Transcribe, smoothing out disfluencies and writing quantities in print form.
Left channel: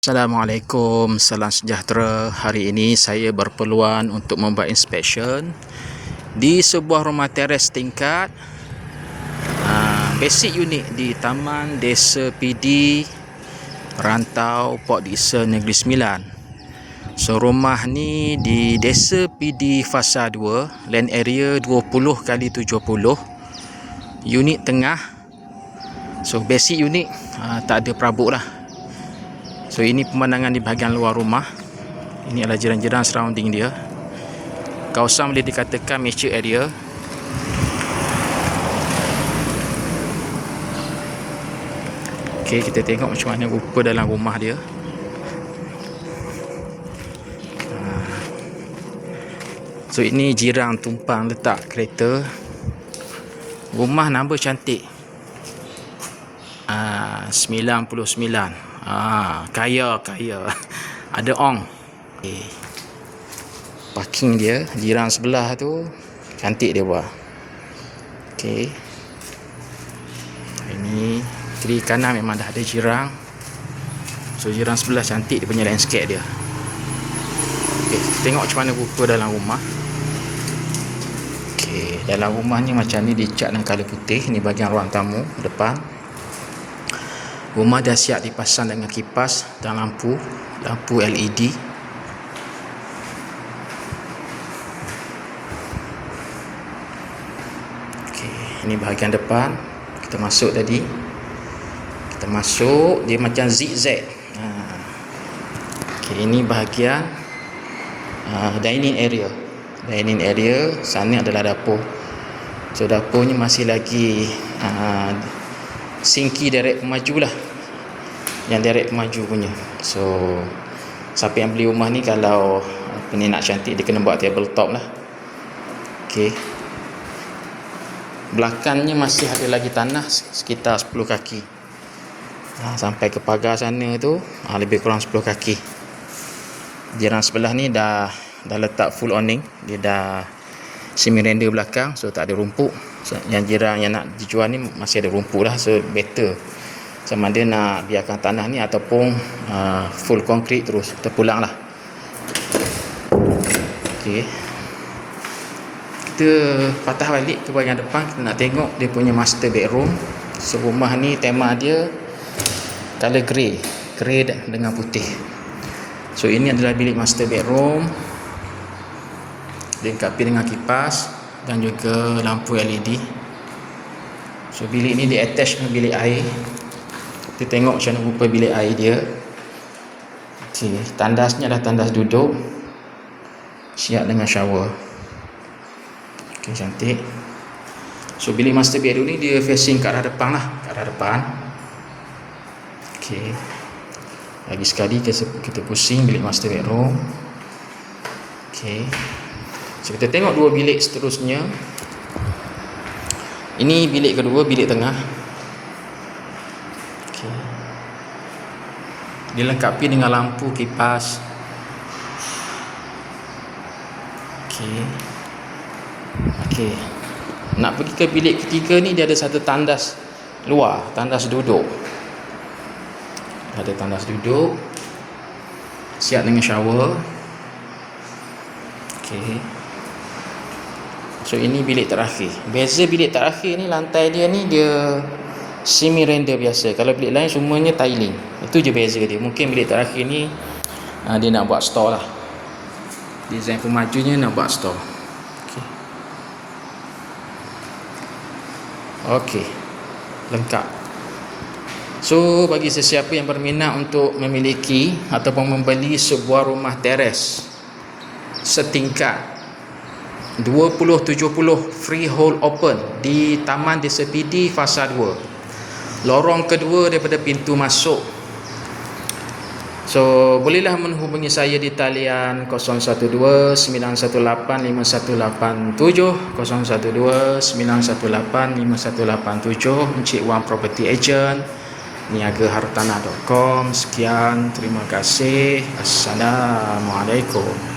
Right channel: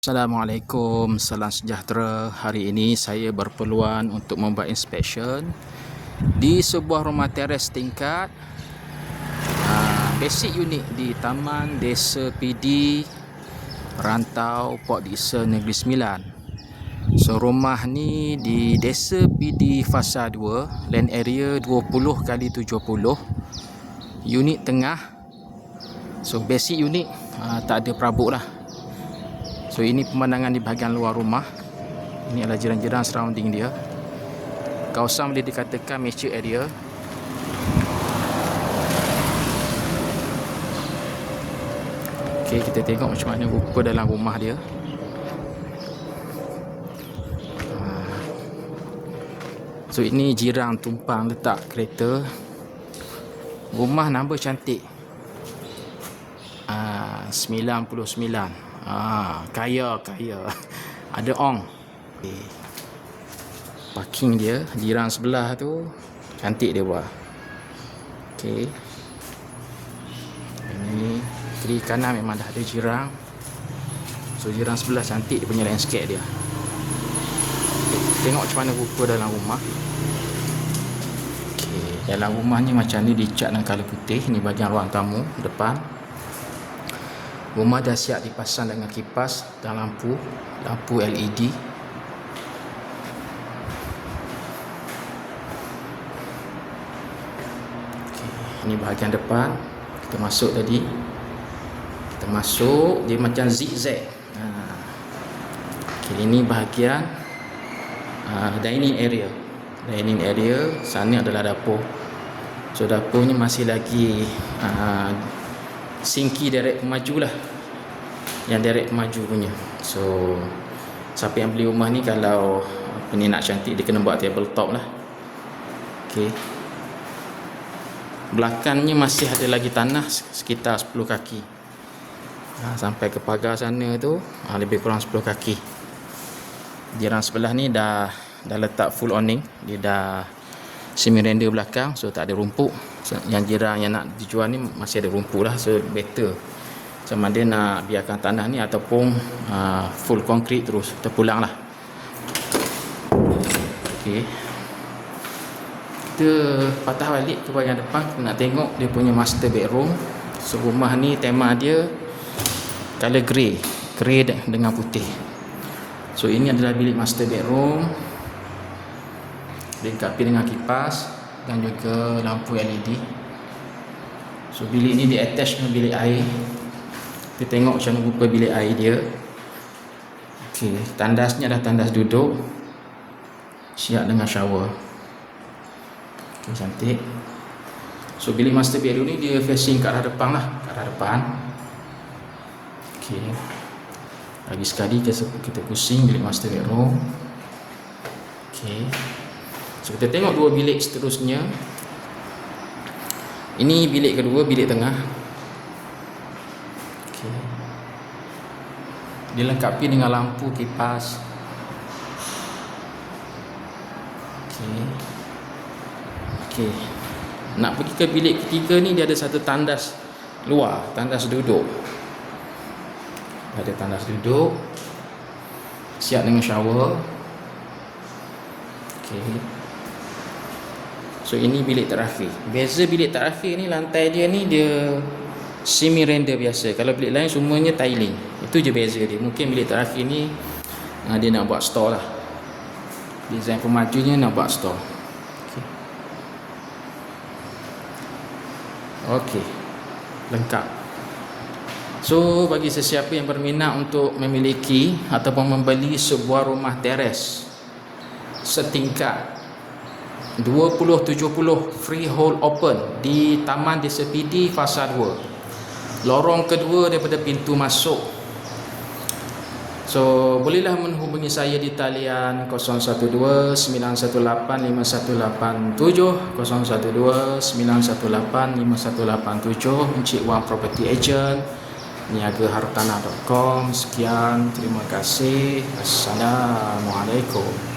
Assalamualaikum, salam sejahtera. Hari ini saya berpeluang untuk membuat inspection di sebuah rumah teres tingkat basic unit di Taman Desa PD Rantau Port Dickson Negeri Sembilan. So rumah ni di Desa PD Fasa 2, land area 20x70, unit tengah. So basic unit, tak ada perabot lah. So ini pemandangan di bahagian luar rumah. Ini adalah jiran-jiran surrounding dia. Kawasan boleh dikatakan mature area. Okey, kita tengok macam mana rupa dalam rumah dia. So ini jiran tumpang letak kereta. Rumah number cantik, 99. Kaya ada ong. Okay. Parking dia, jiran sebelah tu cantik dia buat. Okey, ini kiri kanan memang dah ada jiran. So jiran sebelah cantik dia punya landscape dia. Okay, tengok macam mana rupa dalam rumah. Okey, dalam rumah ni macam ni dicat dengan color putih. Ni bahagian ruang tamu depan. Rumah dah siap dipasang dengan kipas dan lampu LED. Okey, ini bahagian depan. Kita masuk tadi. Kita masuk, dia macam zigzag. Okey, ini bahagian dining area. Dining area, sana adalah dapur. So dapur ni masih lagi sinki direct pemaju lah, yang direct pemaju punya. So siapa yang beli rumah ni, kalau ini nak cantik, dia kena buat table top lah. Okey, belakangnya masih ada lagi tanah sekitar 10 kaki. Sampai ke pagar sana tu lebih kurang 10 kaki. Jiran sebelah ni dah letak full awning. Dia dah semi render belakang, so tak ada rumput. Yang jiran yang nak dijual ni masih ada rumput lah, so better sama dia nak biarkan tanah ni ataupun full konkrit terus terpulang lah. Okey, kita patah balik ke bahagian depan. Kita nak tengok dia punya master bedroom. So rumah ni tema dia color grey dengan putih. So ini adalah bilik master bedroom, dilengkapi dengan kipas dan juga lampu LED. So bilik ni di attach dengan bilik air. Kita tengok macam mana rupa bilik air dia. Okay, tandasnya adalah tandas duduk, siap dengan shower. Okay, cantik. So bilik master bedroom ni dia facing ke arah depan lah, ke arah depan. Okay, lagi sekali kita pusing bilik master bedroom. Okay, so kita tengok dua bilik seterusnya. Ini bilik kedua, bilik tengah. Okay, dilengkapi dengan lampu kipas. Okay, nak pergi ke bilik ketiga ni, dia ada satu tandas luar, tandas duduk. Ada tandas duduk, siap dengan shower. Okay, so ini bilik terakhir. Beza bilik terakhir ni, lantai dia ni dia semi render biasa. Kalau bilik lain semuanya tiling. Itu je beza dia. Mungkin bilik terakhir ni dia nak buat store lah. Design pemajunya nak buat store. Okey, lengkap. So bagi sesiapa yang berminat untuk memiliki ataupun membeli sebuah rumah teres setingkat 2070 freehold open di Taman Desa PD Fasa 2, lorong kedua daripada pintu masuk. So bolehlah menghubungi saya di talian 012-918-5187, 012-918-5187. Encik Wan Property Agent, niagahartanah.com. Sekian, terima kasih. Assalamualaikum.